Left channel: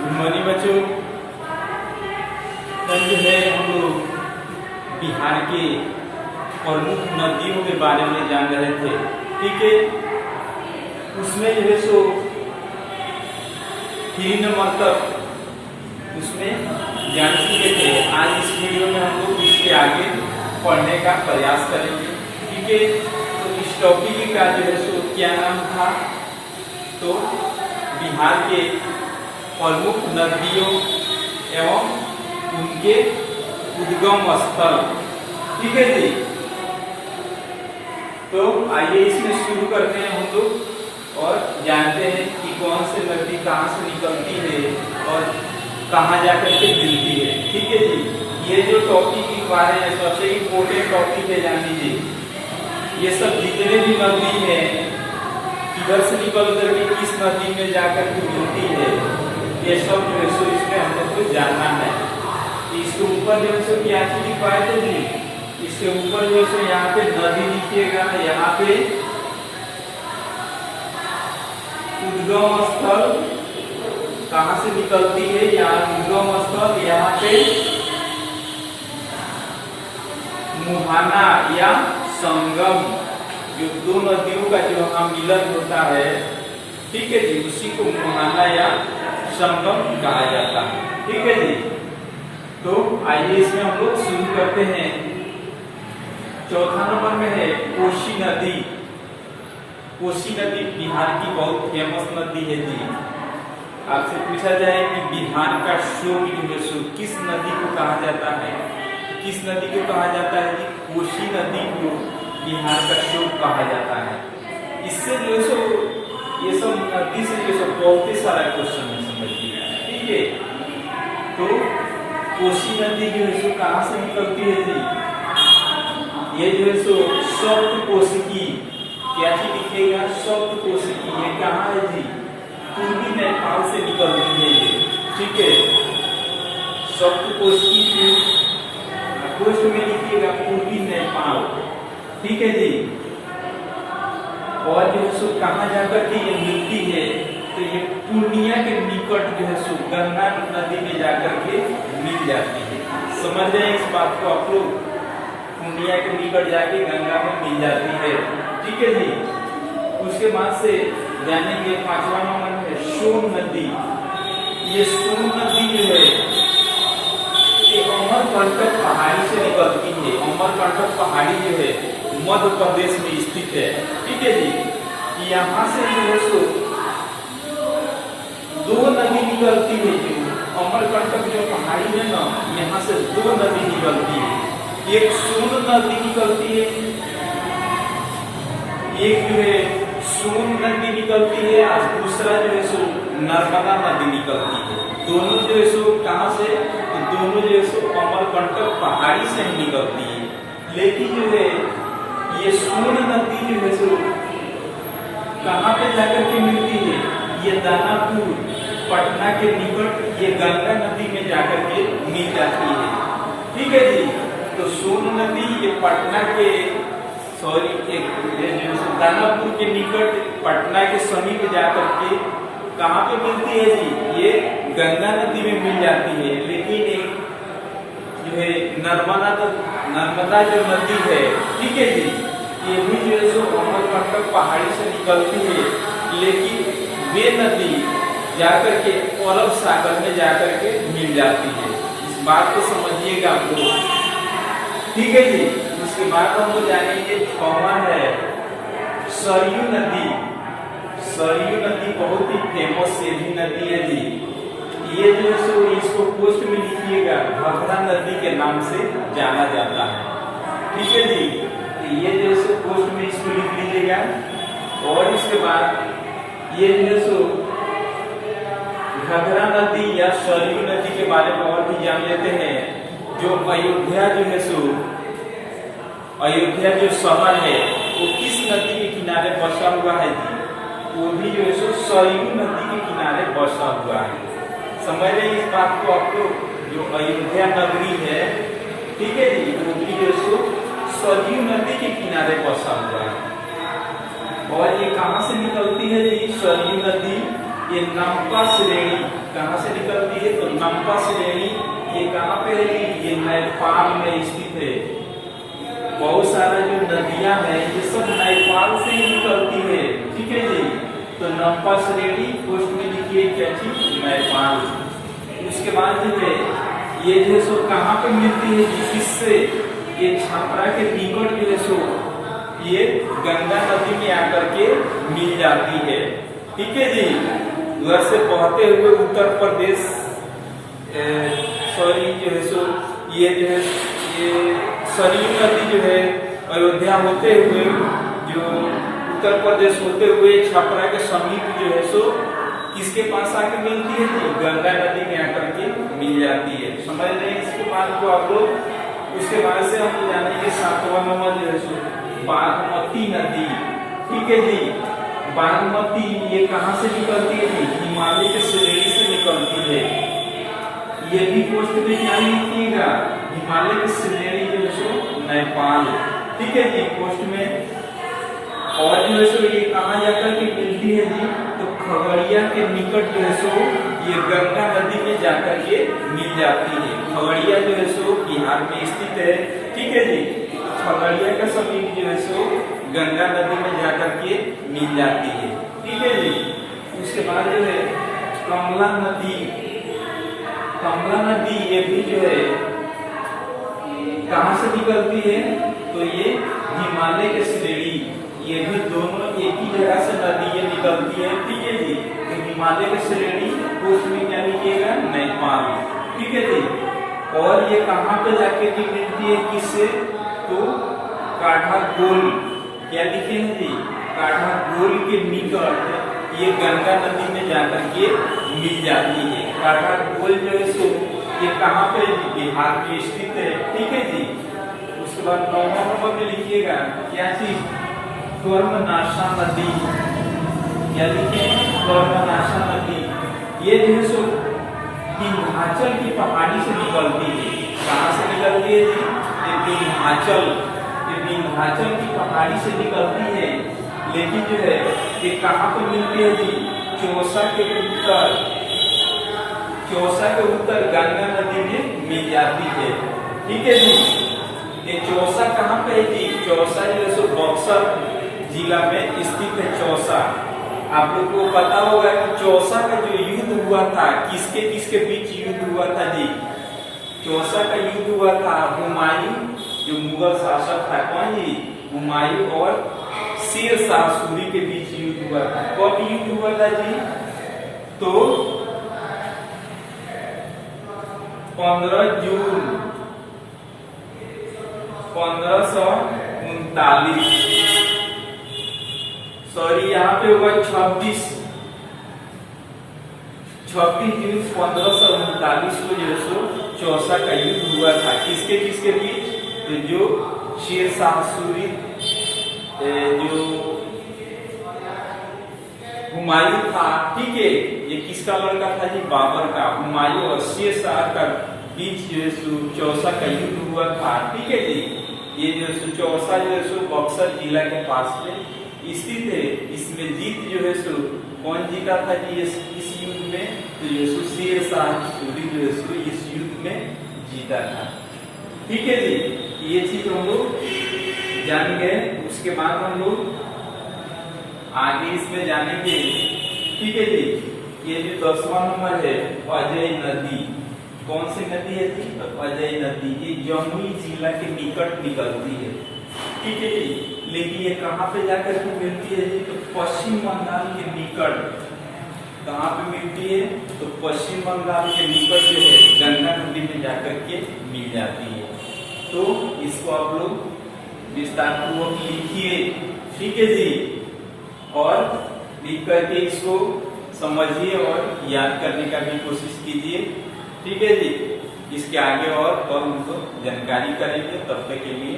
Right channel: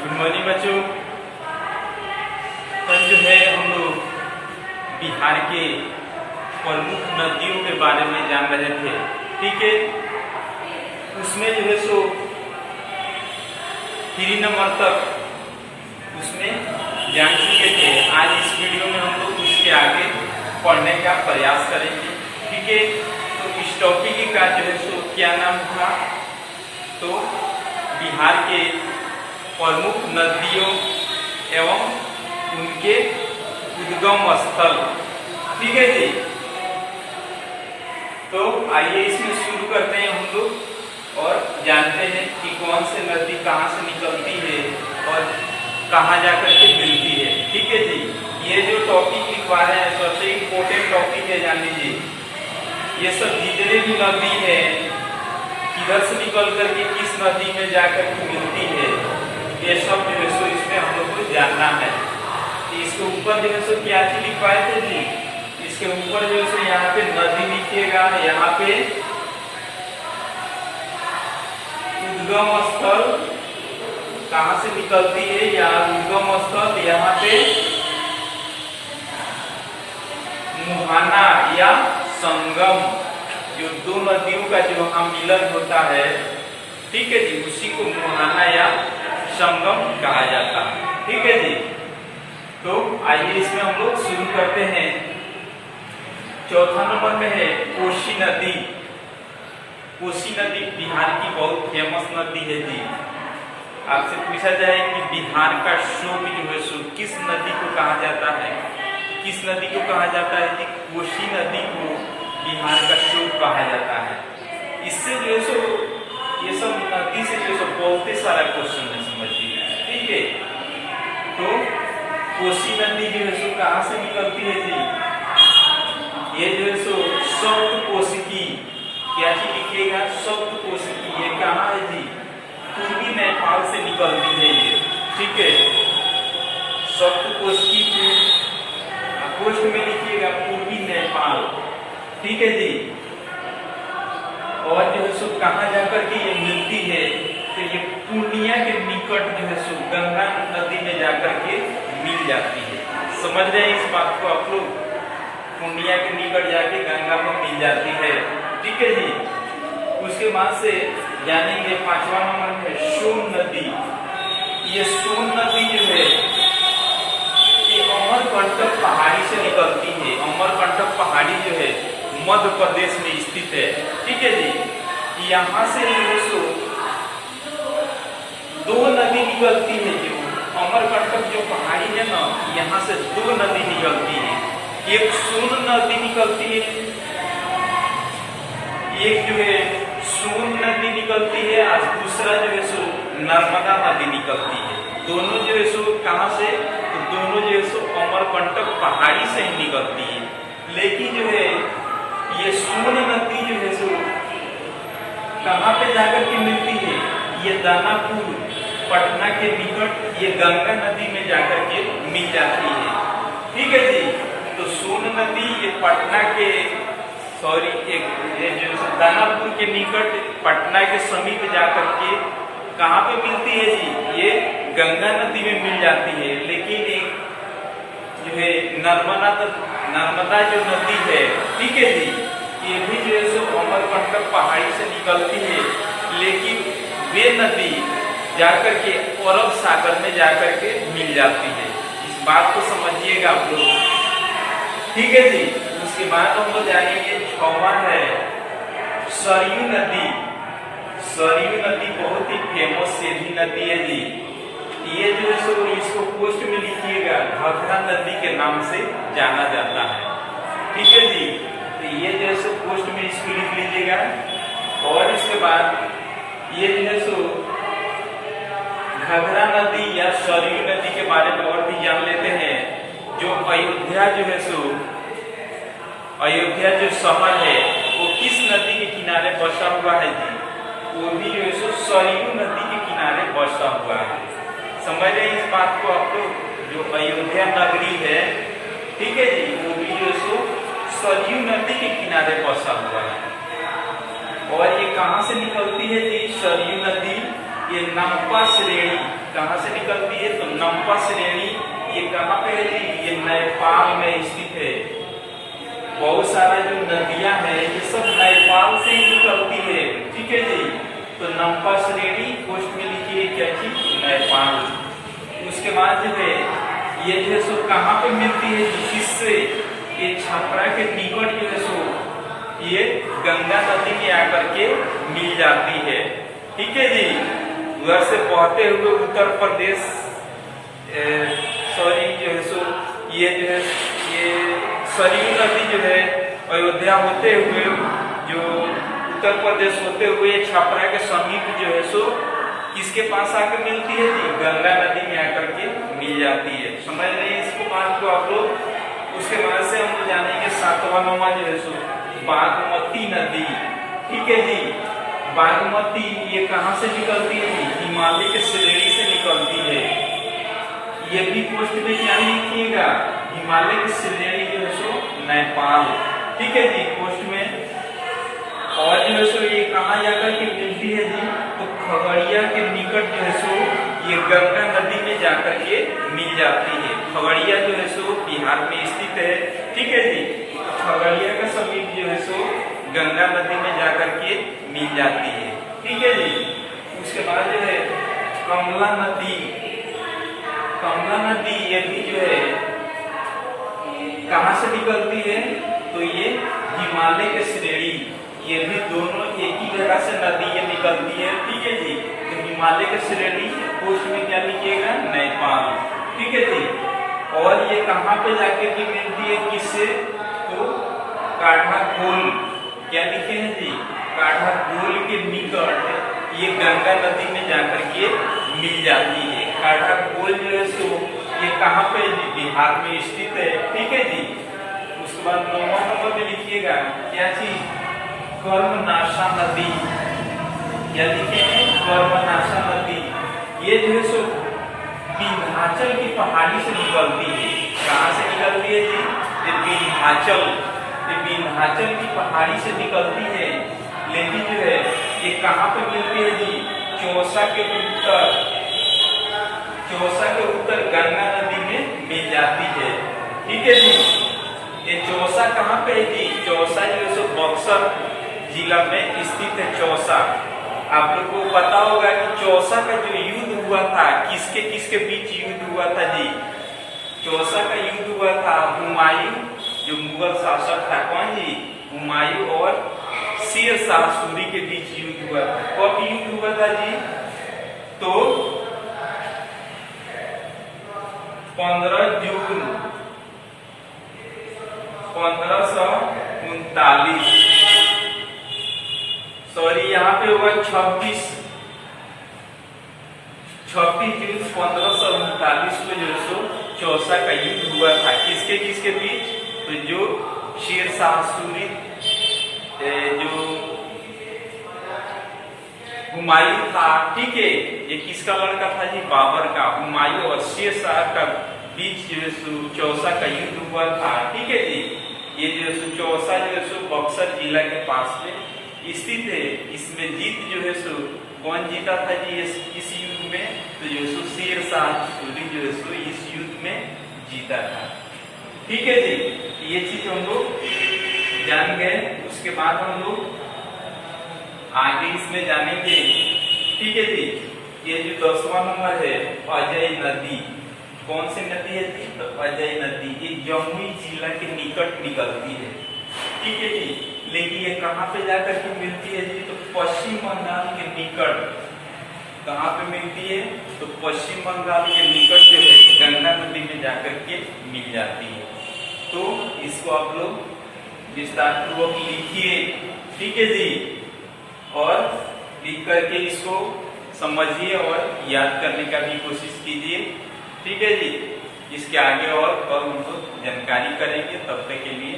Good morning बच्चों। कल जो है हम लोग बिहार के प्रमुख नदियों के बारे में जान रहे थे, ठीक है। उसमें जो है सो 3 नंबर तक उसमें जान चुके थे। आज इस वीडियो में हम लोग उसके आगे पढ़ने का प्रयास करेंगे, ठीक है। तो इस टॉपिक का जो है सो क्या नाम था, तो बिहार के प्रमुख नदियों एवं उनके उद्गम स्थल, ठीक है जी। तो आइए इसमें शुरू करते हैं हम लोग और जानते हैं कि कौन से नदी कहाँ से निकलती है और कहाँ जाकर के मिलती है, ठीक है जी। ये जो टॉपिक लिखवा रहे हैं सबसे इम्पोर्टेंट टॉपिक है, जान लीजिए। ये सब जितने भी नदी है किधर से निकल करके किस नदी में जाकर के मिलती है, ये सब जो है सो इसमें हम लोग को जानना है। इसके ऊपर जो है सो क्या चीज लिखवाए थे जी, इसके ऊपर जो है यहाँ पे नदी लिखिएगा, यहाँ पे उद्गम स्थल कहाँ से निकलती है, या उद्गम स्थल यहाँ पे मुहाना या संगम, जो दो नदियों का जो वहां मिलन होता है, ठीक है जी, उसी को मुहाना या संगम कहा जाता है, ठीक है जी। तो आइए इसमें हम लोग शुरू करते हैं। चौथा नंबर में है कोसी नदी। कोसी नदी बिहार की बहुत फेमस नदी है जी। आपसे पूछा जाए कि बिहार का शोक जो है सो किस नदी को कहा जाता है, किस नदी को कहा जाता है जी, कोसी नदी को बिहार का शोक कहा जाता है। इससे जो है सो ये सब नदी से जो है बहुत ही सारा क्वेश्चन है, समझिए, ठीक है। तो कोसी नदी जो है सो कहाँ से निकलती है जी, ये जो है सो सप्त कोशिकी, क्या चीज लिखिएगा, सप्त कोशिकी, ये कहाँ है जी, पूर्वी नेपाल से निकलती है ये, ठीक है। सप्त कोशिकी पोस्ट में लिखिएगा पूर्वी नेपाल, ठीक है जी। और जो है सो कहाँ जाकर के ये मिलती है, तो ये पूर्णिया के निकट जो है सो गंगा नदी में जाकर के मिल जाती है। समझ रहे हैं इस बात को आप लोग, पूर्णिया के निकट जाके गंगा में मिल जाती है, ठीक है जी। उसके बाद से जानेंगे 5वां नंबर है सोन नदी। ये सोन नदी जो है ये अमरकंटक पहाड़ी से निकलती है। अमरकंटक पहाड़ी जो है मध्य प्रदेश में स्थित है, ठीक है जी। यहाँ से जो है सो 2 नदी निकलती है। जो अमरकंटक जो पहाड़ी है ना, यहाँ से 2 नदी निकलती है। एक सोन नदी निकलती है, एक जो है सोन नदी निकलती है, और दूसरा जो है सो नर्मदा नदी निकलती है। दोनों जो है सो कहाँ से, तो दोनों जो है सो अमरकंटक पहाड़ी से ही निकलती है। लेकिन जो है ये सोन नदी जो है सो कहाँ पे जाकर के मिलती है, ये दानापुर पटना के निकट ये गंगा नदी में जाकर के मिल जाती है, ठीक है जी। तो सोन नदी ये पटना के ये जो दानापुर के निकट पटना के समीप जाकर के कहाँ पे मिलती है जी, ये गंगा नदी में मिल जाती है। लेकिन एक जो है नर्मदा जो नदी है, ठीक है जी, ये भी जो है सो अमरकंटक पहाड़ी से निकलती है। लेकिन वे नदी जाकर के अरब सागर में जाकर के मिल जाती है। इस बात को समझिएगा आप लोग, ठीक है जी। उसके बाद हम लोग जानेंगे 6वां है सरयू नदी। सरयू नदी बहुत ही फेमस सेधी नदी है जी। ये जो है सो इसको पोस्ट में लिखिएगा, घघरा नदी के नाम से जाना जाता है, ठीक है जी। तो ये जो है सो पोस्ट में इसको लिख लीजिएगा। और इसके बाद ये जो है सो घघरा नदी या सरयू नदी के बारे में और भी जान लेते हैं। जो अयोध्या जो है सो अयोध्या जो शहर है वो किस नदी के किनारे बसा हुआ है जी, वो भी जो है सो सरयू नदी के किनारे बसा हुआ है। समझ रहे हैं इस बात को आप लोग, जो अयोध्या नगरी है, ठीक है जी, वो भी जो है सो सरयू नदी के किनारे बसा हुआ है। और ये कहाँ से निकलती है जी, सरयू नदी, ये नम्पा श्रेणी कहाँ से निकलती है? तो नम्पा श्रेणी ये कहाँ पे है जी? ये नेपाल में स्थित है। बहुत सारा जो नदियां हैं ये सब नेपाल से ही निकलती है, ठीक है जी। तो नम्पा श्रेणी पोस्ट में लिखिए क्या चीज? नेपाल। उसके बाद जो है ये जो है सो कहाँ पे मिलती है? किससे? ये छपरा के निकट जो है सो ये गंगा नदी में आकर के मिल जाती है, ठीक है जी। उधर से बहते हुए उत्तर प्रदेश सॉरी जो है सो ये जो है ये सरयू नदी जो है अयोध्या होते हुए जो उत्तर प्रदेश होते हुए छपरा के समीप जो है सो किसके पास आकर मिलती है जी? गंगा नदी में आकर के मिल जाती है। समझ रहे हैं इसके बाद को आप लोग। उसके बाद से हम जानेंगे 7वां नंबर जो है सो बागमती नदी, ठीक है जी। बागमती ये कहाँ से निकलती है जी? हिमालय के श्रेणी से निकलती है। ये भी पोस्ट में क्या लिखिएगा? हिमालय की श्रेणी जो है सो नेपाल, ठीक है जी पोस्ट में। और जो है सो ये कहाँ जाकर के मिलती है जी? तो खगड़िया के निकट जो है सो ये गंगा नदी में जाकर के मिल जाती है। खगड़िया जो है सो बिहार में स्थित है, ठीक है जी। खगड़िया का समीप जो है सो गंगा नदी में जाकर के मिल जाती है, ठीक है जी। उसके बाद जो है कमला नदी, कमला नदी ये भी जो है कहाँ से निकलती है? तो ये हिमालय के श्रेणी, ये भी दोनों एक ही जगह से नदी ये निकलती है, ठीक है जी। तो हिमालय के श्रेणी पोस्ट में क्या लिखिएगा? नेपाल, ठीक है जी। और ये कहाँ पे जाके की मिलती है? किससे? तो काठागोल, क्या लिखे हैं जी? काठागोल के निकट ये गंगा नदी में जाकर के मिल जाती है। काठागोल जो है सो ये कहाँ पे? बिहार में स्थित है, ठीक है जी। उसके बाद 9वां नंबर पे लिखिएगा क्या चीज? कर्मनाशा नदी, क्या लिखे हैं? कर्मनाशा नदी। ये जो है सो विंध्याचल की पहाड़ी से निकलती है। कहाँ से निकलती है जी? ये विंध्याचल, ये विंध्याचल की पहाड़ी से निकलती है। लेकिन जो है ये कहाँ पे मिलती है जी? चौसा के उत्तर, चौसा के उत्तर गंगा नदी में मिल जाती है, ठीक है जी। ये चौसा कहाँ पे है जी? चौसा जो है सो बक्सर जिला में स्थित है। चौसा आप लोग को पता होगा कि चौसा का जो युद्ध हुआ था किसके किसके बीच युद्ध हुआ था जी? चौसा का युद्ध हुआ था हुमायूं जो मुगल शासक था, कौन जी? हुमायूं और शेर शाह सूरी के बीच युद्ध हुआ था। कब युद्ध हुआ था जी? तो 15 जून 1539, सॉरी यहाँ पे हुआ 26 जून 1539 को जो सो चौसा का युद्ध हुआ था। किसके किसके बीच? तो जो शेर शाह सूरी जो हुमायूं था, ठीक है, ये किसका लड़का था जी? बाबर का। हुमायूं और शेर शाह का बीच जो है सो चौसा का युद्ध हुआ था, ठीक है जी। ये जो है चौसा जो है सो बक्सर जिला के पास में स्थित है। इसमें जीत जो है सो कौन जीता था जी इस युद्ध में? तो जो सो शेर शाह सूरी जो है सो इस युद्ध में जीता था, ठीक है जी। ये चीज हम लोग जान गए। उसके बाद हम लोग आगे इसमें जानेंगे, ठीक है जी। ये जो 10वां नंबर है अजय नदी, कौन सी नदी है जी? तो अजय नदी ये जमुई जिला के निकट निकलती है, ठीक है जी। लेकिन ये कहाँ पे जाकर के मिलती है जी? तो पश्चिम बंगाल के निकट। कहाँ पे मिलती है? तो पश्चिम बंगाल के निकट जो है गंगा नदी में जाकर के मिल जाती है। तो इसको आप लोग विस्तार पूर्वक लिखिए, ठीक है जी। और लिख करके इसको समझिए और याद करने का भी कोशिश कीजिए, ठीक है जी। इसके आगे और हम लोग जानकारी करेंगे। तब तक के लिए